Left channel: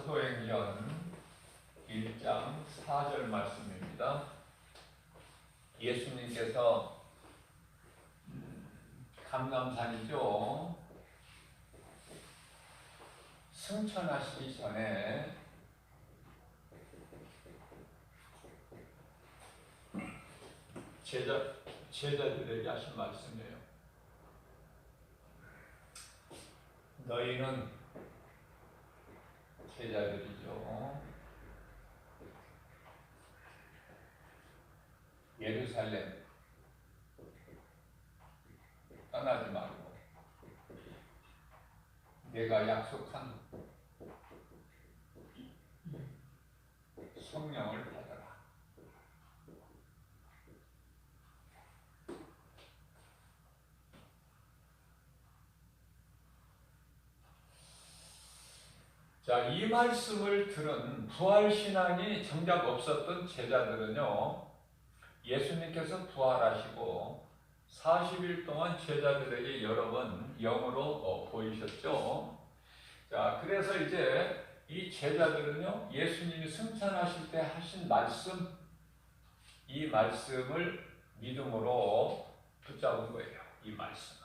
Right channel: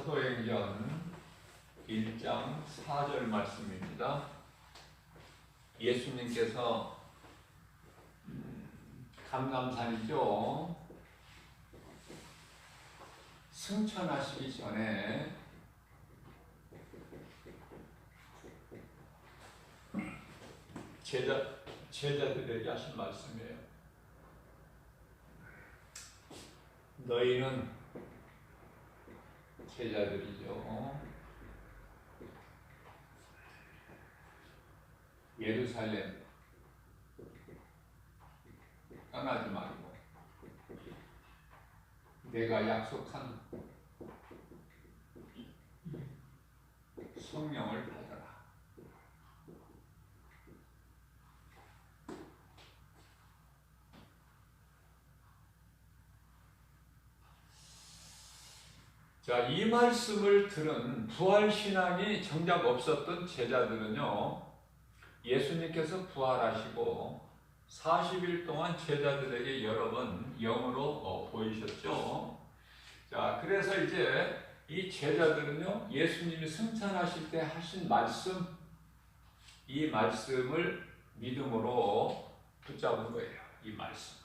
사도행전 1장 4절 말씀입니다. 예수님께서 감람산이죠. 승천하시기 전에 제자들에게 하신 말씀이에요. 너희는 제자들이죠. 예루살렘 떠나지 말고 내가 약속한 성령을 받아라. 자, 이 말씀을 들은 부활신앙이 정작 없었던 제자들은요, 예수님께서 부활하시고 40일 동안 제자들에게 여러 번 영으로 보이셨죠. 자, 그래서 이제 이 제자들은요, 예수님이 승천하실 때 하신 말씀, 이 말씀을 믿음으로 붙잡은 거예요. 이 말씀을.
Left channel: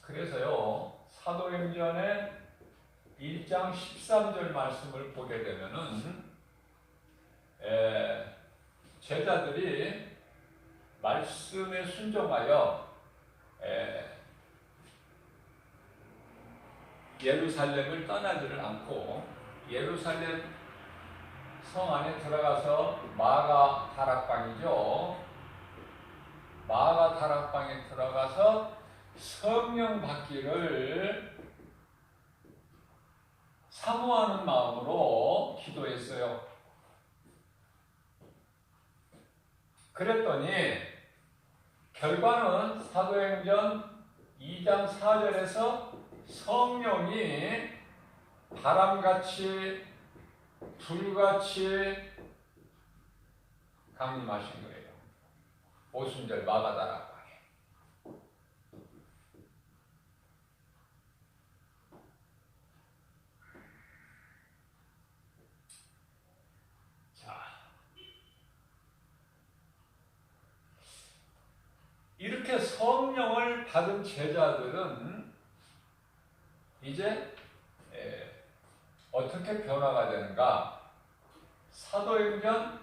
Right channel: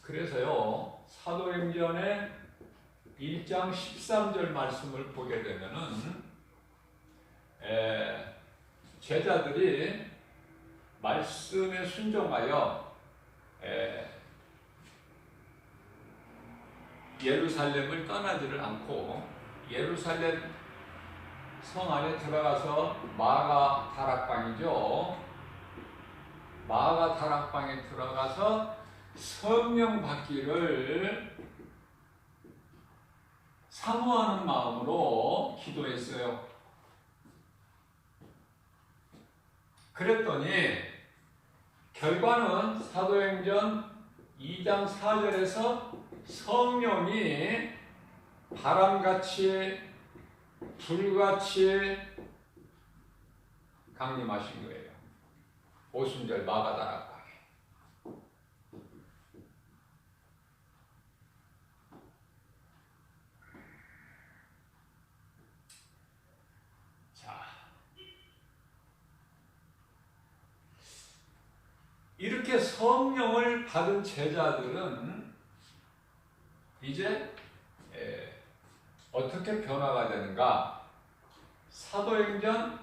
그래서요, 사도행전의 1장 13절 말씀을 보게 되면은 제자들이 말씀에 순종하여 예루살렘을 떠나지를 않고 예루살렘 성 안에 들어가서 마가 다락방이죠. 마가 다락방에 들어가서 성령 받기를 사모하는 마음으로 기도했어요. 그랬더니 결과는 사도행전 2장 4절에서 성령이 바람같이 불같이 강림하신 거예요. 오순절 마가다락방에. 자, 이렇게 성령을 받은 제자들은 이제 어떻게 변화가 되는가? 사도행전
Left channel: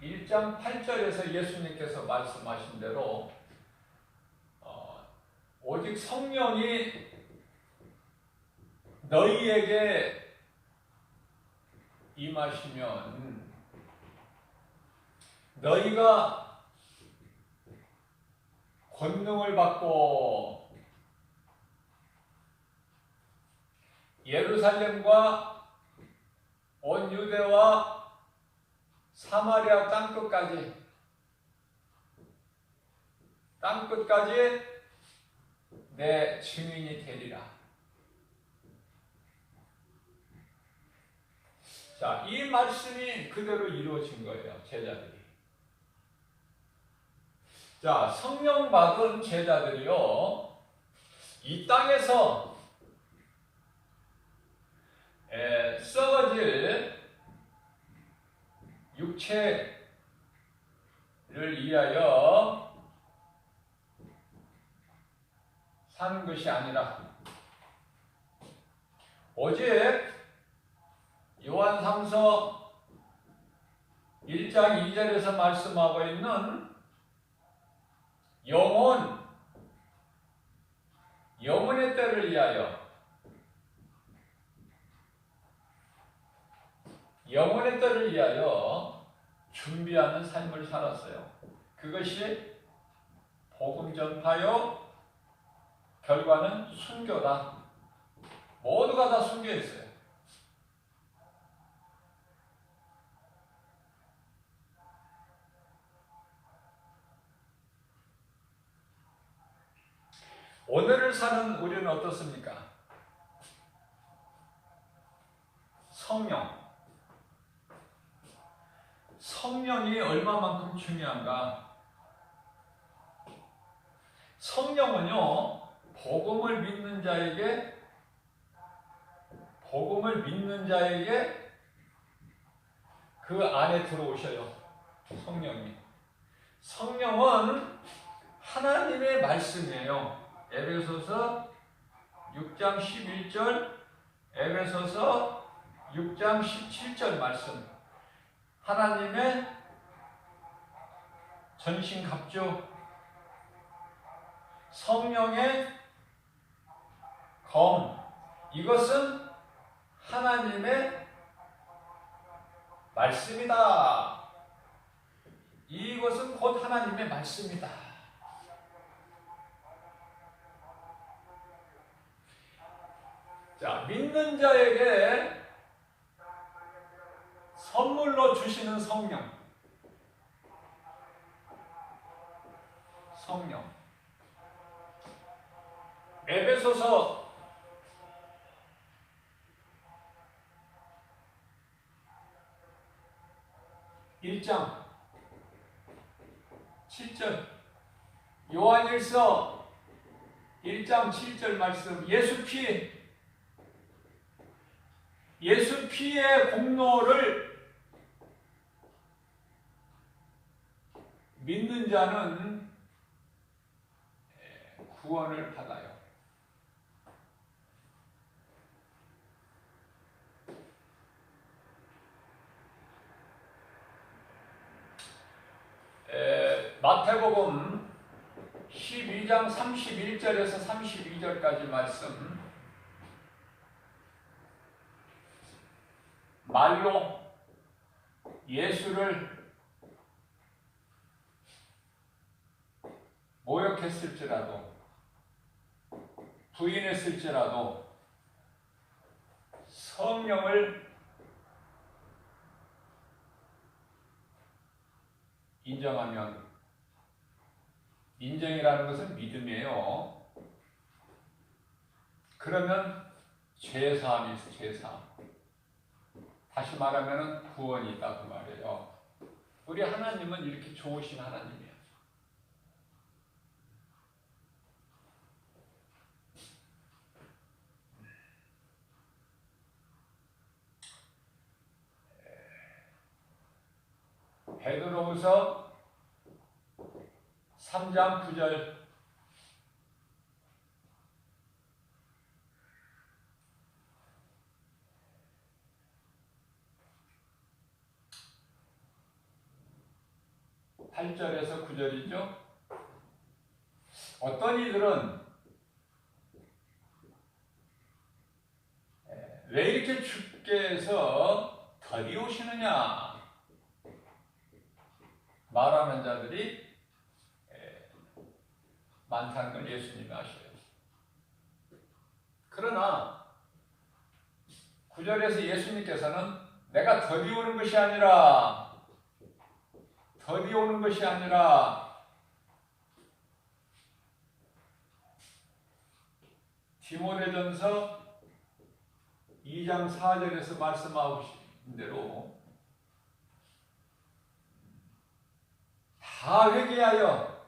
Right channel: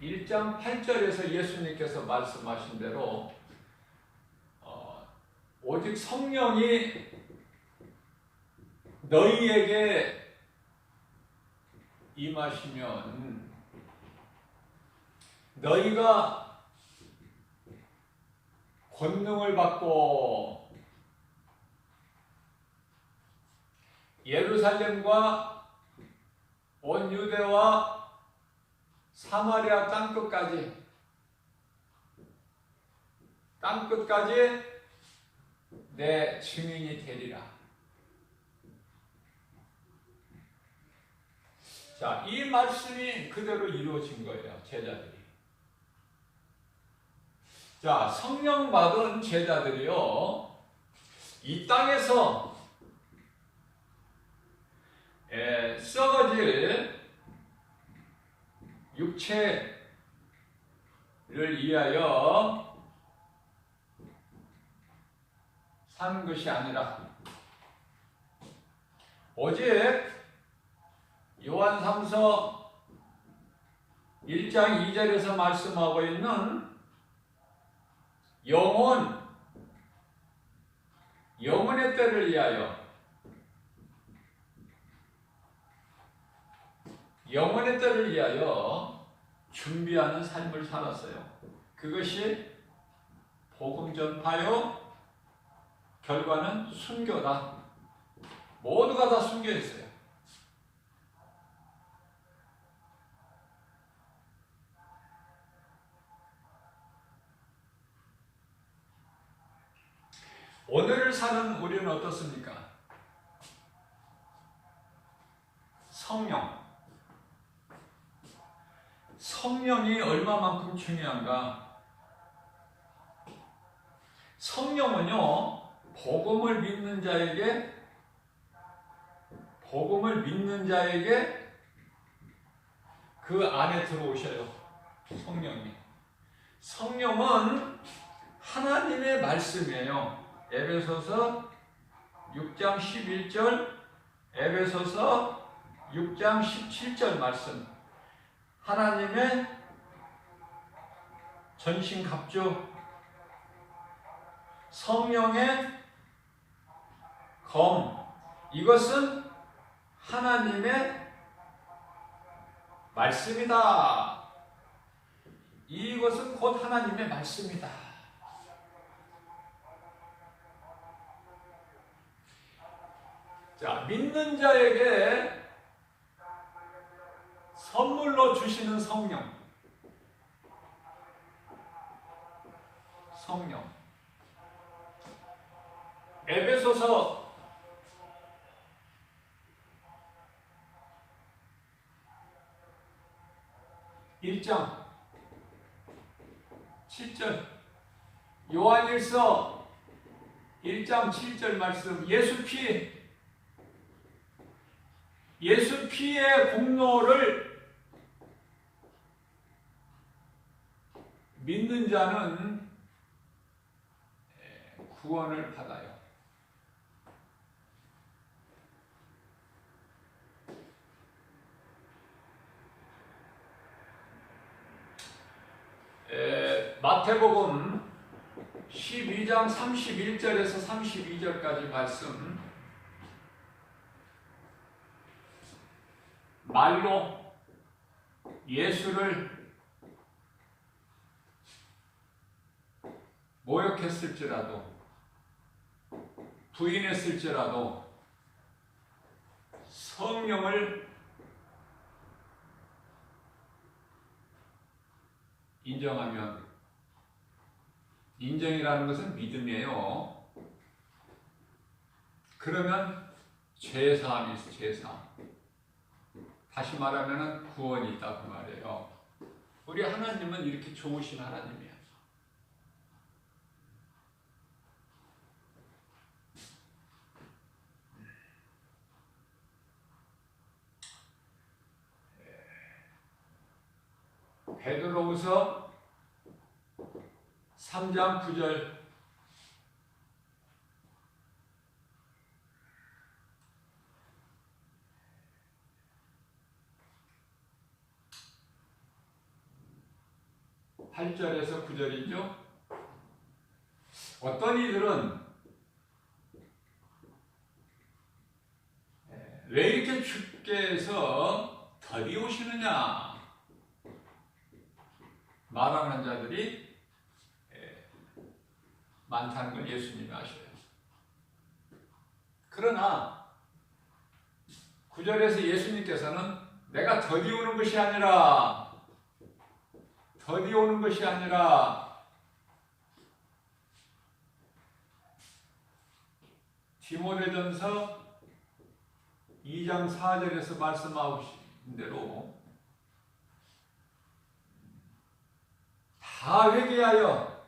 1장 8절에서 예수님께서 말씀하신 대로 오직 성령이 너희에게 임하시면 너희가 권능을 받고 예루살렘과 온 유대와 사마리아 땅끝까지 내 증인이 되리라. 자, 이 말씀이 그대로 이루어진 거예요, 제자들이. 자, 성령 받은 제자들이요, 이 땅에서 썩어질 육체를 위하여 산 것이 아니라 오직 요한 3서 1장 2절에서 말씀하고 있는 영혼의 때를 위하여 영혼의 때를 위하여 준비하는 삶을 살았어요. 그것이 복음 전파요, 결과는 순교다. 모두가 다 순교했어요. 오늘을 사는 우리는 어떻습니까? 성령이 얼마만큼 중요한가? 성령은요, 복음을 믿는 자에게 그 안에 들어오셔요. 성령이. 성령은 하나님의 말씀이에요. 에베소서 6장 11절, 에베소서 6장 17절 말씀. 하나님의 전신갑주, 성령의 검. 이것은 하나님의 말씀이다. 이것은 곧 하나님의 말씀이다. 자, 믿는 자에게 선물로 주시는 성령. 에베소서 1장 7절, 요한일서 1장 7절 말씀. 예수 피의 공로를 믿는 자는 구원을 받아요. 마태복음 12장 31절에서 32절까지 말씀. 말로 예수를 모욕했을지라도, 부인했을지라도 성령을 인정하면, 인정이라는 것은 믿음이에요. 그러면 죄사함이 있어. 죄사함. 다시 말하면 구원이 있다 그 말이에요. 우리 하나님은 이렇게 좋으신 하나님이야. 베드로후서 3장 9절. (8절에서) 9절이죠. 어떤 이들은 왜 이렇게 주께서 더디 오시느냐 말하는 자들이 많다는 걸 예수님이 아셔요. 그러나 9절에서 예수님께서는 내가 더디 오는 것이 아니라 디모데전서 2장 4절에서 말씀하신 대로 다 회개하여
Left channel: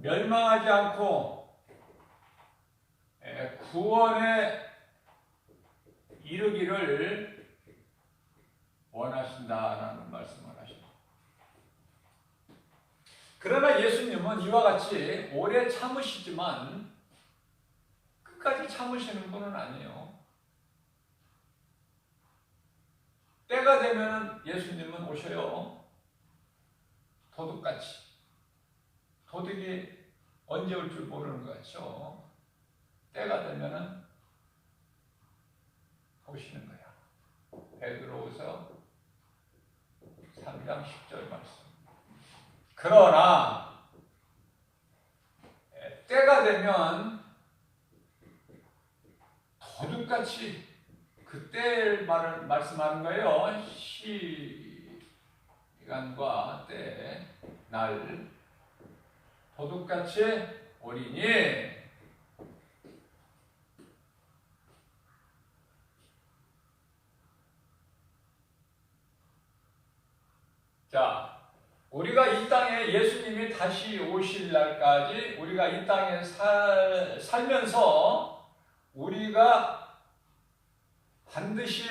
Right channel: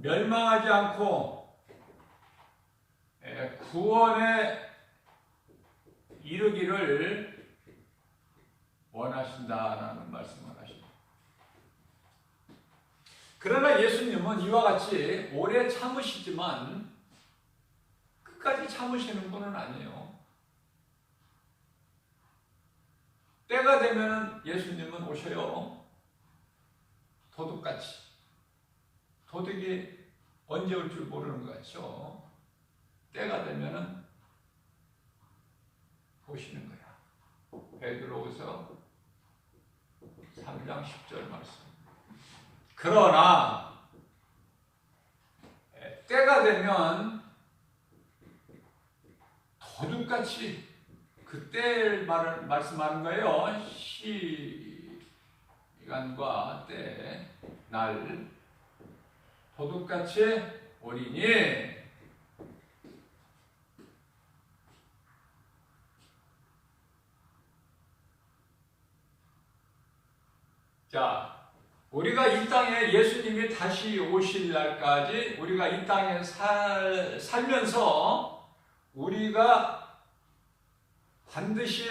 멸망하지 않고 구원에 이르기를 원하신다라는 말씀을 하십니다. 그러나 예수님은 이와 같이 오래 참으시지만 끝까지 참으시는 분은 아니에요. 때가 되면 예수님은 오셔요. 도둑같이. 도둑이 언제 올 줄 모르는 것 같죠. 때가 되면은 오시는 거야. 베드로후서 3장 10절 말씀. 그러나 때가 되면 도둑같이 그때를 말씀하는 거예요. 시간과 때, 날 도둑같이 오리니 자, 우리가 이 땅에 예수님이 다시 오실 날까지 우리가 이 땅에 살면서 우리가 반드시,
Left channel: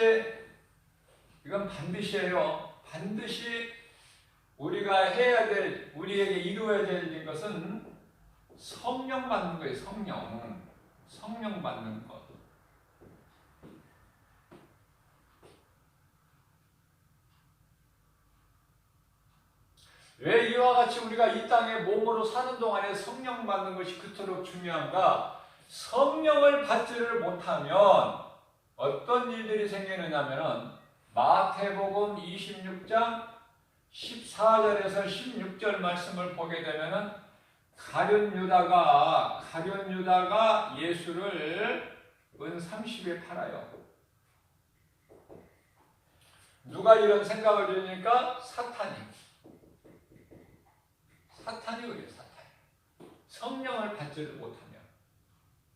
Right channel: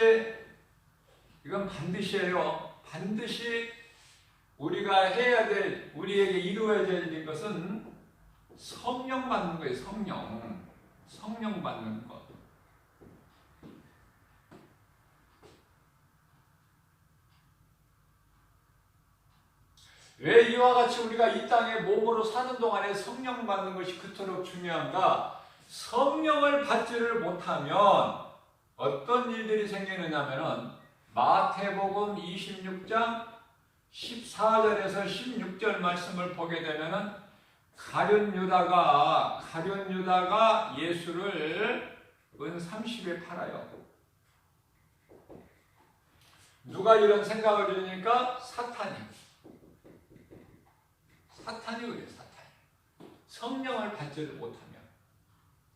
이건 반드시예요. 반드시 우리가 해야 될, 우리에게 이루어야 될 것은 성령 받는 거예요. 성령 받는 것. 왜 이와 같이 우리가 이 땅에 몸으로 사는 동안에 성령 받는 것이 그토록 중요한가? 성령을 받지를 못하면 어떤 일들이 생기느냐면은 마태복음 26장 14절에서 16절 말씀을 보게 되면은 가룟 유다가 예수를 은 30에 팔아요. 누가 이런 생각을 주니까? 사탄이 그래요. 사탄이. 성령을 받지를 못하면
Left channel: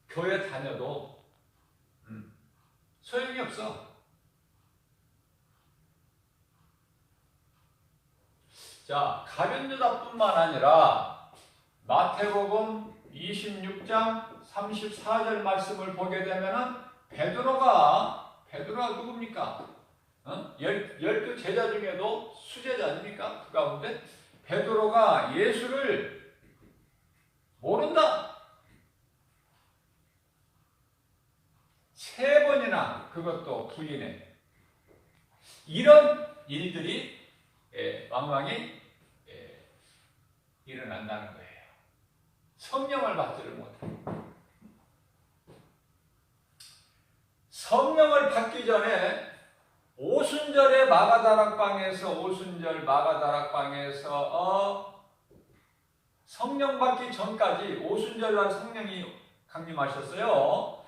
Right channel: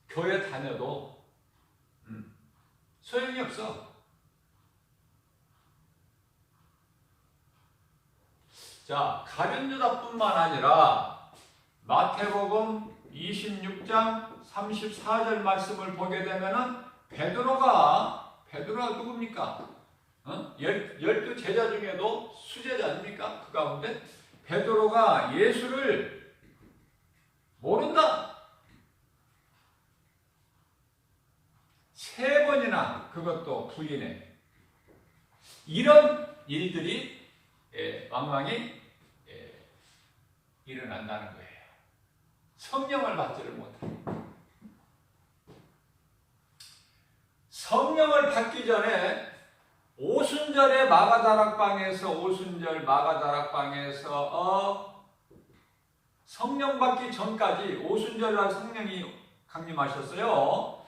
교회 다녀도 소용이 없어. 자, 가룟 유다뿐만 아니라 마태복음 26장 34절 말씀을 보게 되면은 베드로가 누굽니까? 12 제자 중에도 수제자 아닙니까? 그 가운데 베드로가 예수를 모른다. 3번이나 그것도 부인해. 이런 일들이 왕왕이 일어난다는 거예요. 성령을 받지를 못합니다. 성령을 받기 전에 오순절의 마가다락방에서 성령 받기 전까지 오순절날 성령이 강림하셨어요.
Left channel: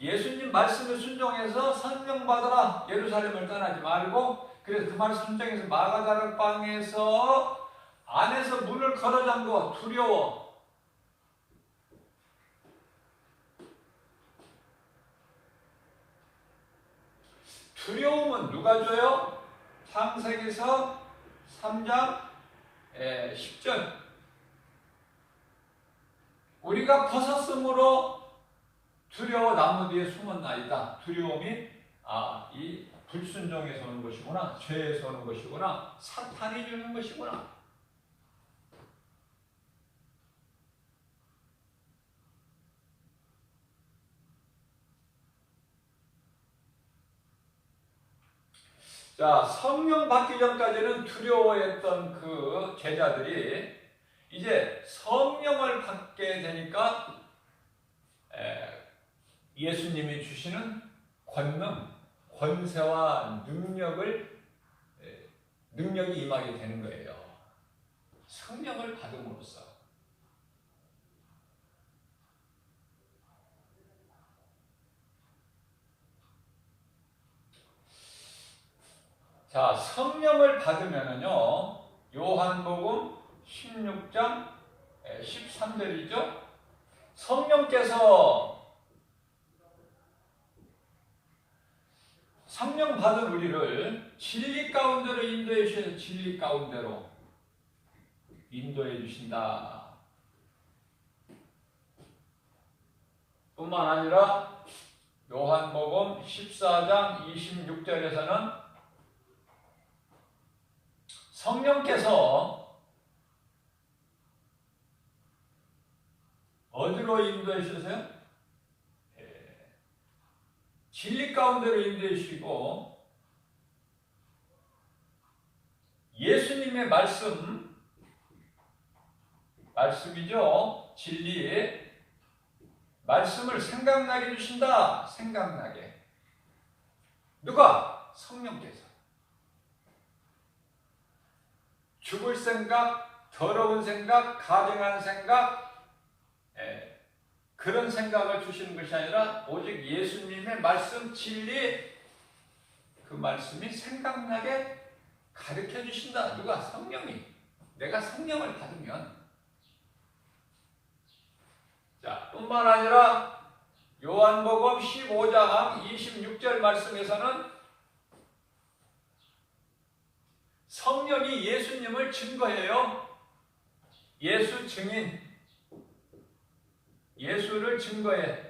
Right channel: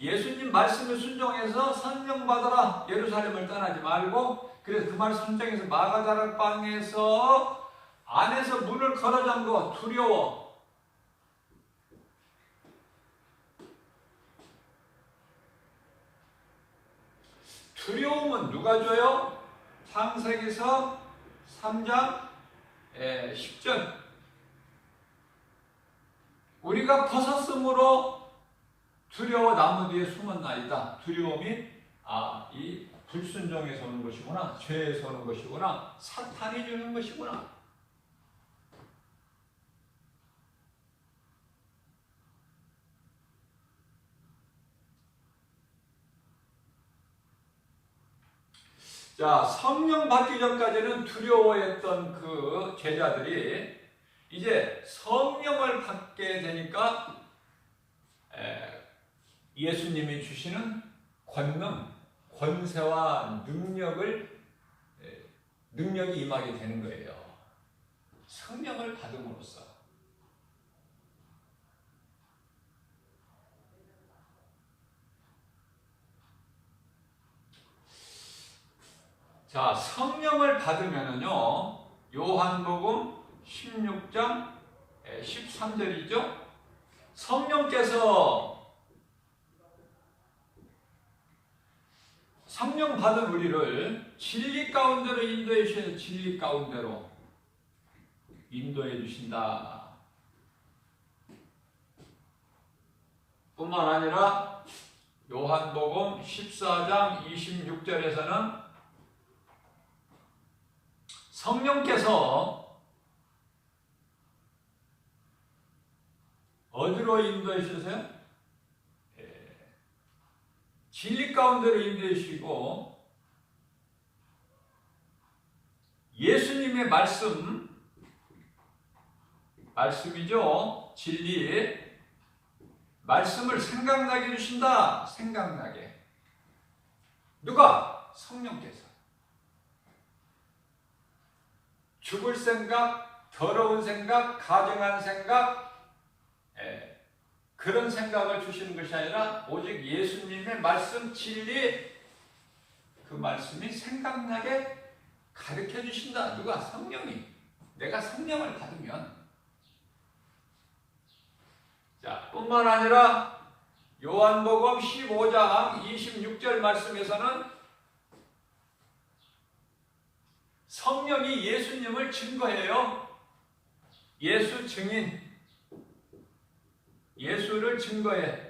예수님 말씀을 순종해서 성령 받아라. 예루살렘을 떠나지 말고, 그래서 그 말 순종해서 마가다락방에서 안에서 문을 걸어 잠궈. 두려워. 두려움은 누가 줘요? 창세기서 3장 10절. 우리가 벗었으므로 두려워 나무 뒤에 숨었나이다. 두려움이 이 불순종에서 오는 것이구나. 죄에서 오는 것이구나. 사탄이 주는 것이구나. 자, 성령 받기 전까지는 두려워했던 그 제자들이 이제 성령을 받게 되니까 예수님이 주시는 권세와 능력이 임하게 되는 거예요. 성령을 받음으로써. 자, 성령을 받으면은요, 요한복음 16장 13절이죠. 성령 받은 우리를 진리 가운데로 인도해 주셔서 진리 가운데로 인도해 주신다. 뿐만 아니라 요한복음 14장 26절에서는 성령께서 어디로 인도해 주세요? 진리 가운데로 인도해 주시고 예수님의 말씀이죠. 진리 말씀을 생각나게 해주신다. 생각나게. 누가? 성령께서. 죽을 생각, 더러운 생각, 가증한 생각, 그런 생각을 주시는 것이 아니라 오직 예수님의 말씀, 진리, 그 말씀이 생각나게 가르쳐 주신다. 누가? 성령이. 내가 성령을 받으면. 자, 뿐만 아니라 요한복음 15장 26절 말씀에서는 성령이 예수님을 증거해요. 예수 증인. 예수를 증거해.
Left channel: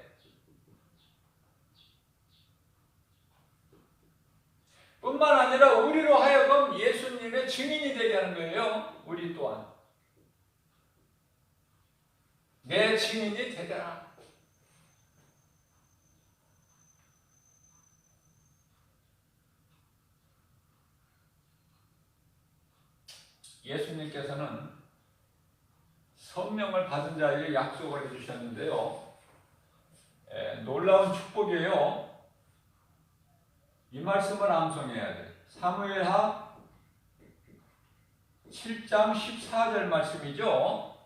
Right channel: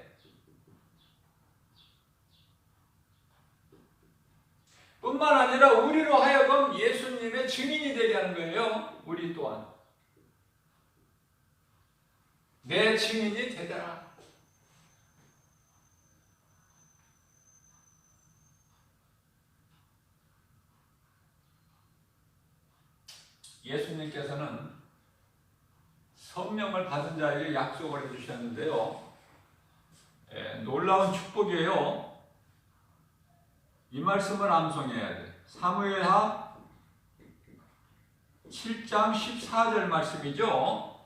뿐만 아니라 우리로 하여금 예수님의 증인이 되게 하는 거예요. 우리 또한. 내 증인이 되더라. 예수님께서는 성령을 받은 자에게 약속을 해주셨는데요. 놀라운 축복이에요. 이 말씀을 암송해야 돼. 사무엘하 7장 14절 말씀이죠.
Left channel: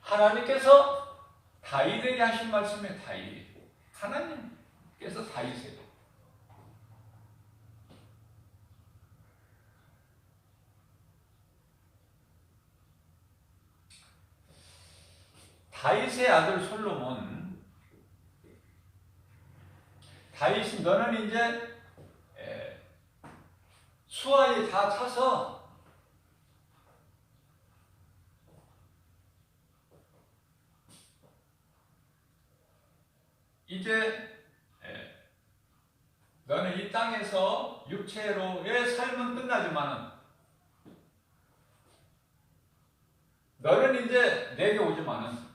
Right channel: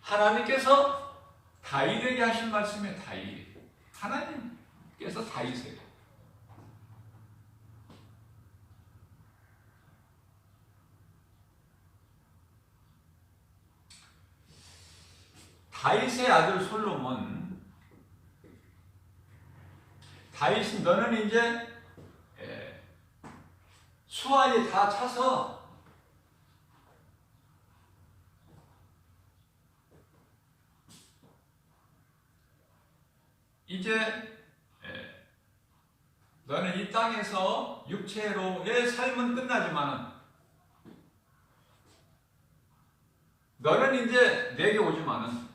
하나님께서 다윗에게 하신 말씀에 다윗. 하나님께서 다윗에게. 다윗의 아들 솔로몬. 다윗이 너는 이제 수하에 다 차서 이제 너는 이 땅에서 육체로의 삶은 끝나지만은 너는 이제 내게 오지만은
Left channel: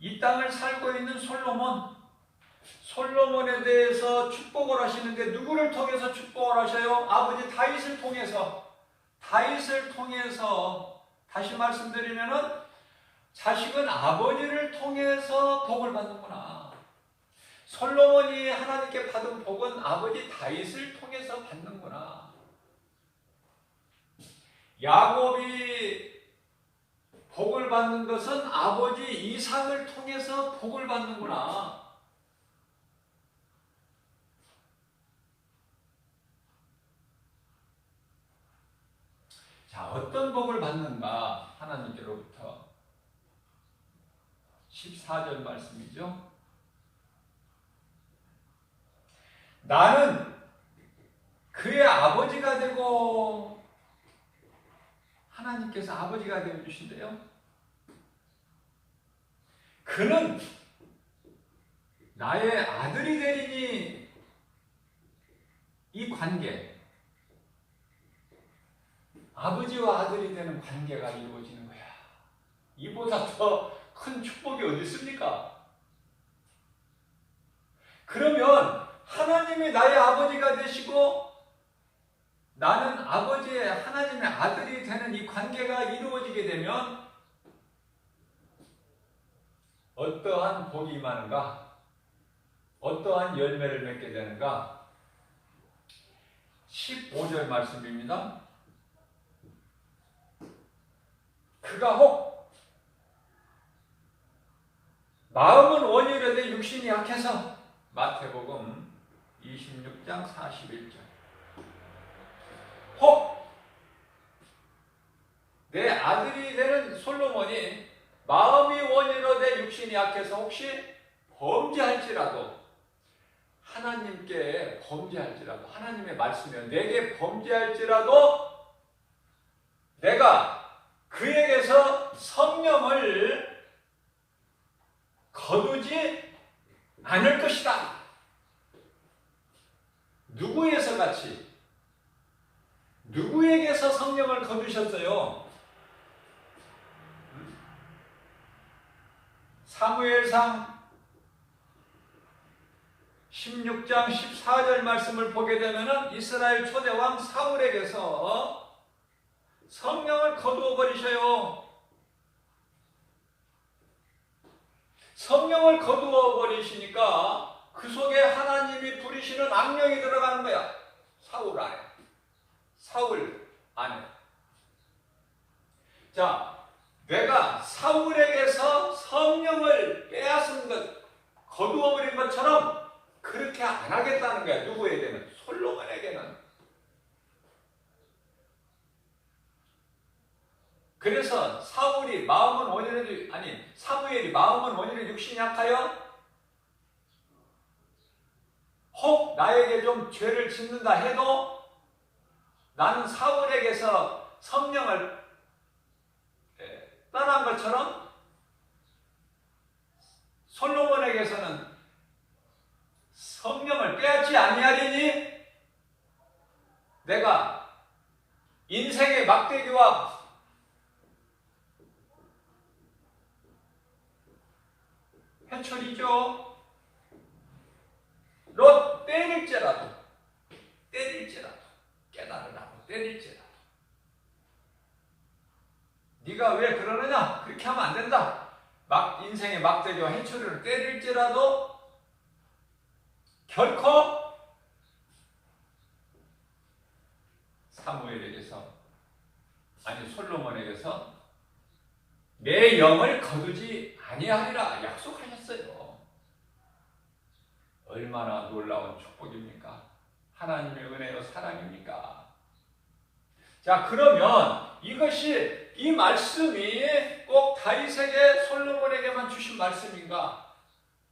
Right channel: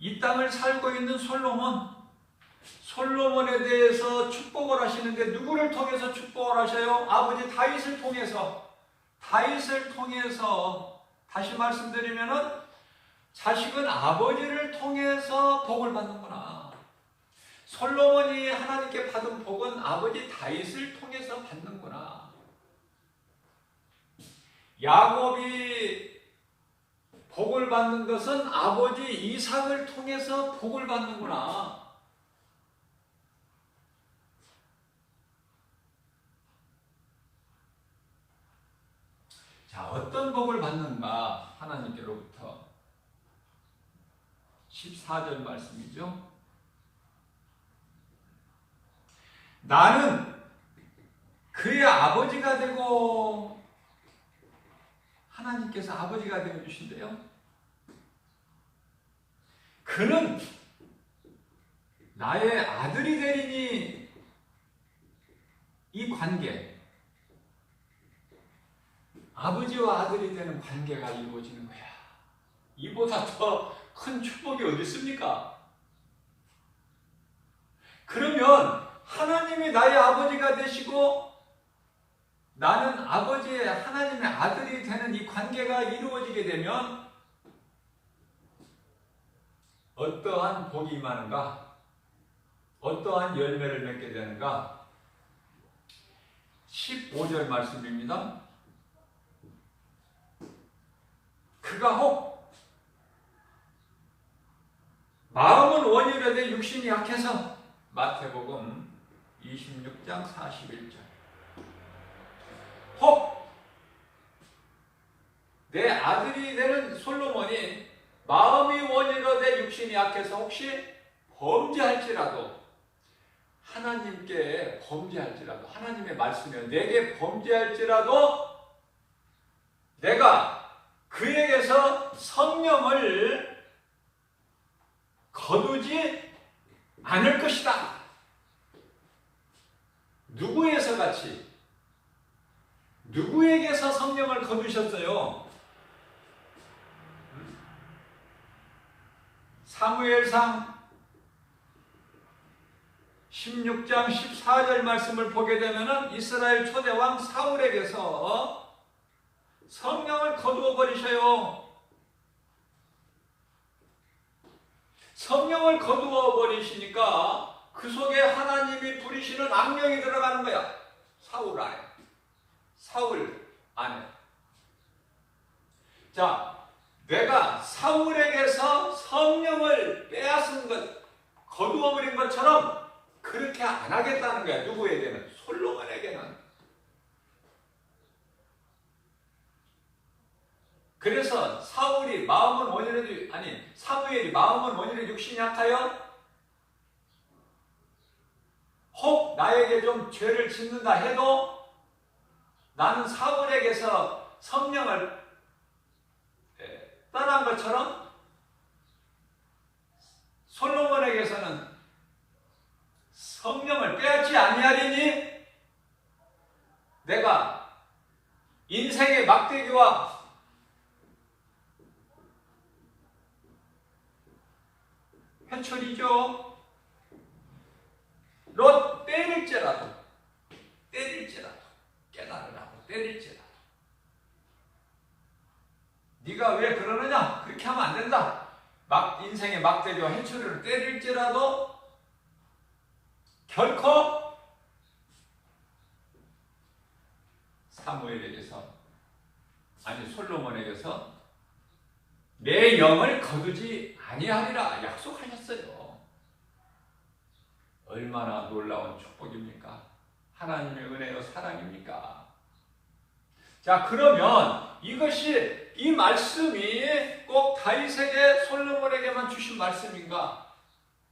이 땅을 살고 있는 솔로몬에 대해서 축복을 하시는데 누구를 통해서 축복을 하셔요? 아버지 다윗을 통해서. 다시 말씀드리면은 자식은 아버지를 통해서 복을 받는구나. 솔로몬이 하나님께 받은 복은 아버지 다윗을 통해서 받는구나. 야곱이 복을 받는 것은 아버지 이삭을 통해서 복을 받는구나. 자, 어떤 복을 받는가? 하나님께로부터. 14절 말씀이죠. 나는 그의 아버지가 되고, 하나님께서 아버지가 되어 주신대요. 그는 나의 아들이 되리니. 이 관계, 아버지와 아들이 되는 관계가 이루어지는 거야. 이보다 더 큰 축복이 어디 있습니까? 그러면 하나님이 나의 아버지가 되시고 나는 아버지의 하나님의 아들이 되는 이 관계가 이루어지게 되면 어떠한 복이 임하는가? 어떠한 열매를 맺게 되는가? 15절 말씀입니다. 그가 혹 마음은 원이되되 육신이 약해서. 마태복음 26장 41절. 혹 내 아들이 되는 솔로몬이 마음이 원이되되 육신이 약해서 혹시 범죄할지라도, 하나님께 범죄할지라도, 하나님의 말씀에 내게 범죄할지라도 내가 그에게서 성령을 거두지 않을 것이다. 누구에서 같이? 누구에게서 성령을 거두셨어요? 사무엘상 16장 14절 말씀을 보게 되면은 이스라엘 초대왕 사울에게서 성령을 거두어 버리셔요. 성령을 거두어 버리시니까 그 속에 하나님이 부리시는 악령이 들어가는 거야. 사울 안에. 자, 내가 사울에게서 성령을 빼앗은 것, 거두어 버린 것처럼 그렇게 안 하겠다는 거야. 누구에게는? 솔로몬에게는. 그래서 사무엘이 마음은 원인의 육신이 약하여 혹 나에게 좀 죄를 짓는다 해도 나는 사울에게서 성령을 떠난 것처럼 솔로몬에게서는 성령을 빼앗지 아니하리니 내가 인생의 막대기와 회초리죠. 로 때릴지라도 깨달으라고 때릴지라도 네가 왜 그러느냐? 그렇게 하면 안 된다. 인생의 막대기와 회초리를 때릴지라도 결코 솔로몬에게서 내 영을 거두지 아니하리라 약속하셨어요. 얼마나 놀라운 축복입니까? 하나님의 은혜요 사랑입니까? 자, 그러면 이 말씀이 꼭 다윗에게 솔로몬에게만 주신 말씀인가?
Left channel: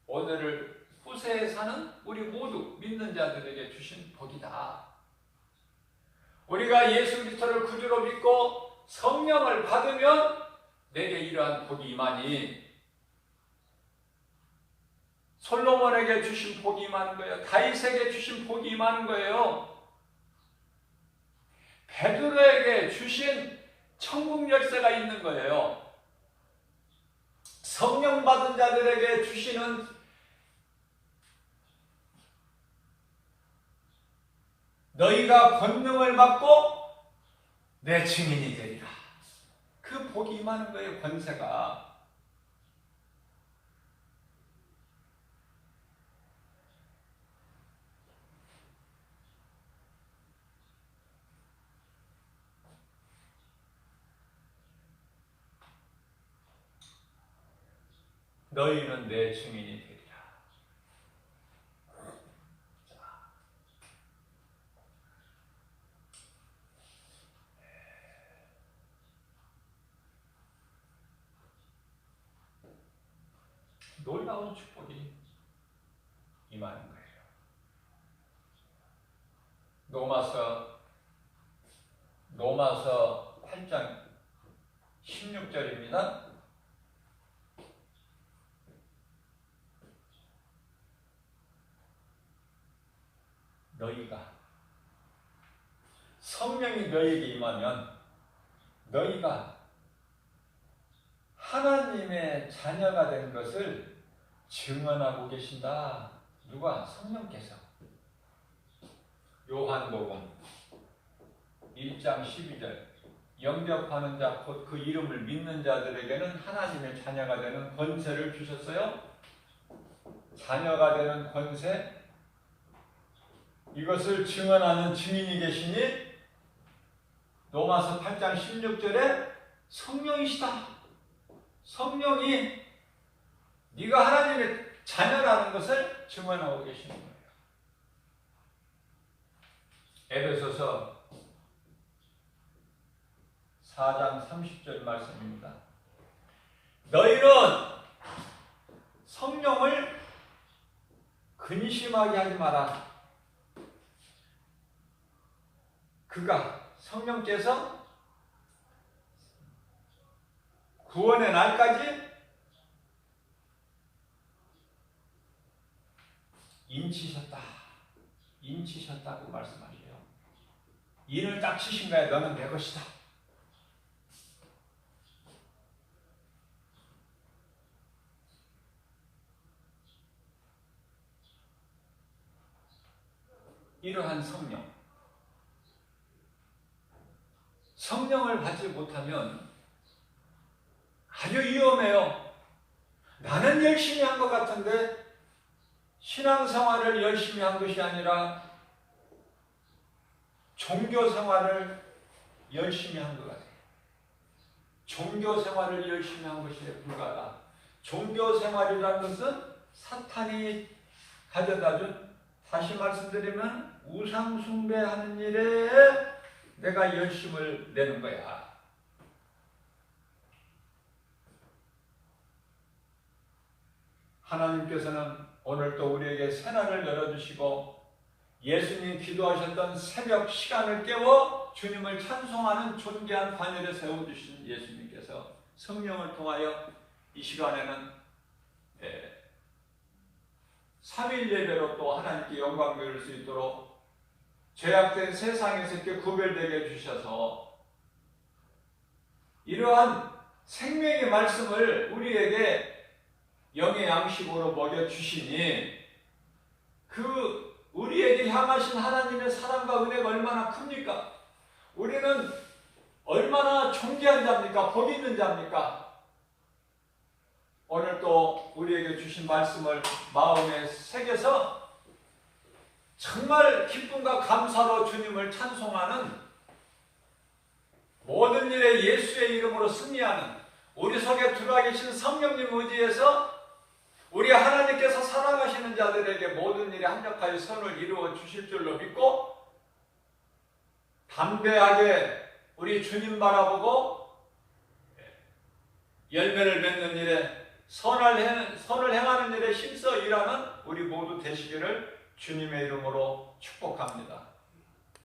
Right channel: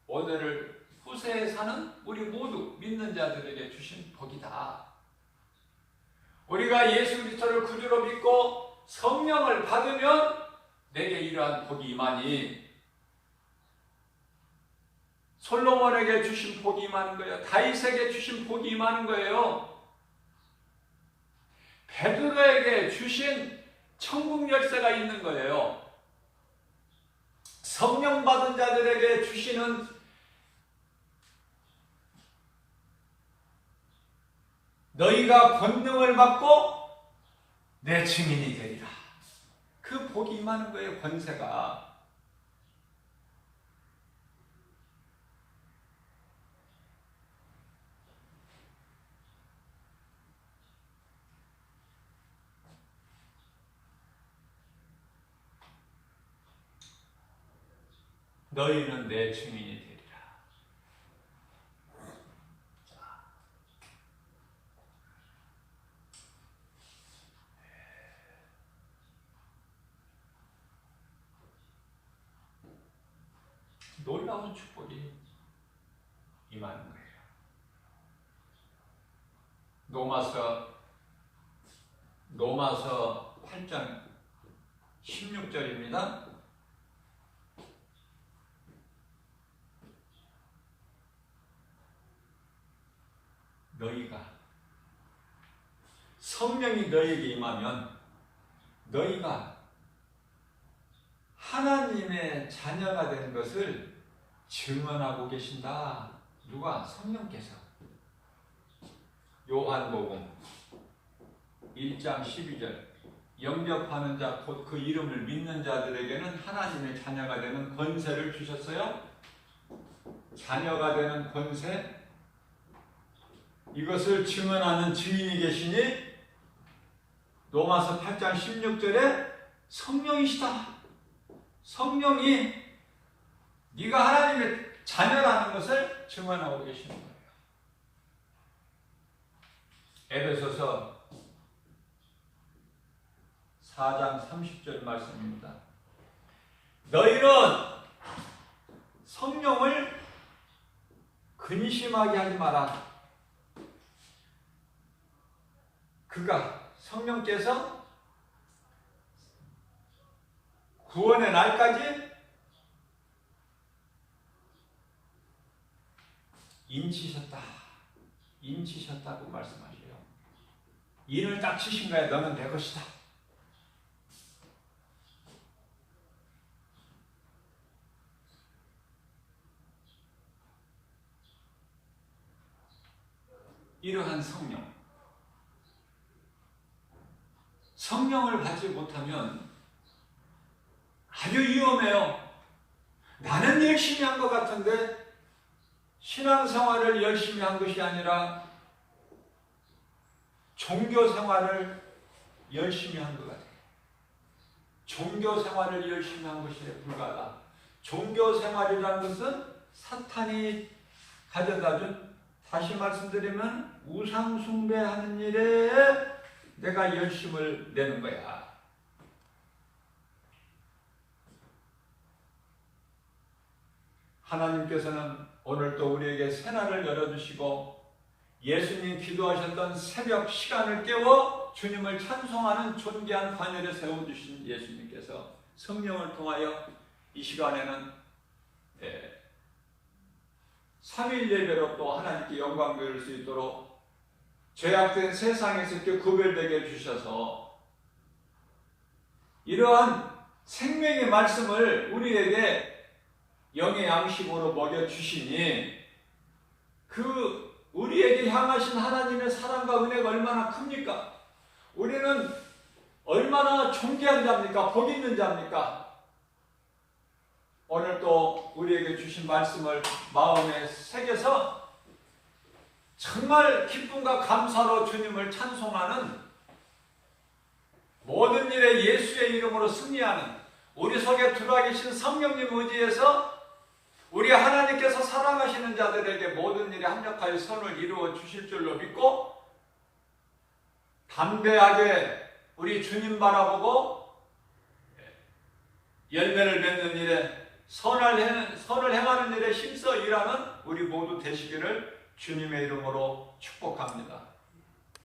오늘을 후세에 사는 우리 모두 믿는 자들에게 주신 복이다. 우리가 예수 그리스도를 구주로 믿고 성령을 받으면 내게 이러한 복이 임하니 솔로몬에게 주신 복이 임하는 거예요. 다윗에게 주신 복이 임하는 거예요. 베드로에게 주신 천국 열쇠가 있는 거예요. 성령 받은 자들에게 주시는 너희가 권능을 받고 내 증인이 되리라. 그 복이 임하는 거예요. 권세가. 너희는 내 증인이 되리라. 놀라운 축복이 임하는 거예요. 로마서 8장 16절입니다. 너희가 성령이 너희에게 임하면 너희가 하나님의 자녀가 된 것을 증언하고 계신다. 누가? 성령께서. 요한복음 1장 12절 영접하는 자 곧 그 이름을 믿는 자들에게는 하나님의 자녀가 되는 권세를 주셨어요. 자녀가 되는 권세, 이것을 증언하는 증인이 계시니 로마서 8장 16절에 성령이시다. 성령이 네가 하나님의 자녀라는 것을 증언하고 계시는 거예요. 에베소서 4장 30절 말씀입니다. 너희는 성령을 근심하게 하지 마라. 성령께서 구원의 날까지 인치셨다고 말씀하세요. 인을 딱 치신 거야. 너는 내 것이다. 이러한 성령을 받지 못하면 아주 위험해요. 나는 열심히 한 것 같은데 신앙생활을 열심히 한 것이 아니라 종교생활을 열심히 한 것 같아요. 종교생활을 열심히 한 것이 불가하다. 종교생활이라는 것은 사탄이 가져다준, 다시 말씀드리면 우상숭배하는 일에 내가 열심을 내는 거야. 하나님께서는 오늘 또 우리에게 새날을 열어주시고 예수님 기도하셨던 새벽 시간을 깨워 주님을 찬송하는 존귀한 반열에 세워주신 예수님께서 성령을 통하여 이 시간에는 삼일 예배로 또 하나님께 영광 돌릴 수 있도록 죄악된 세상에서 이렇게 구별되게 해주셔서 이러한 생명의 말씀을 우리에게 영의 양식으로 먹여주시니 그 우리에게 향하신 하나님의 사랑과 은혜가 얼마나 큽니까? 우리는 얼마나 존귀한 자입니까? 복 있는 자입니까? 오늘 또 우리에게 주신 말씀을 마음에 새겨서 정말 기쁨과 감사로 주님을 찬송하는 모든 일에 예수의 이름으로 승리하는 우리 속에 들어와 계신 성령님 의지에서 우리 하나님께서 사랑하시는 자들에게 모든 일에 합력하여 선을 이루어 주실 줄로 믿고 담대하게 우리 주님 바라보고 열매를 맺는 일에 선을 행하는 일에 힘써 일하는 우리 모두 되시기를 주님의 이름으로 축복합니다.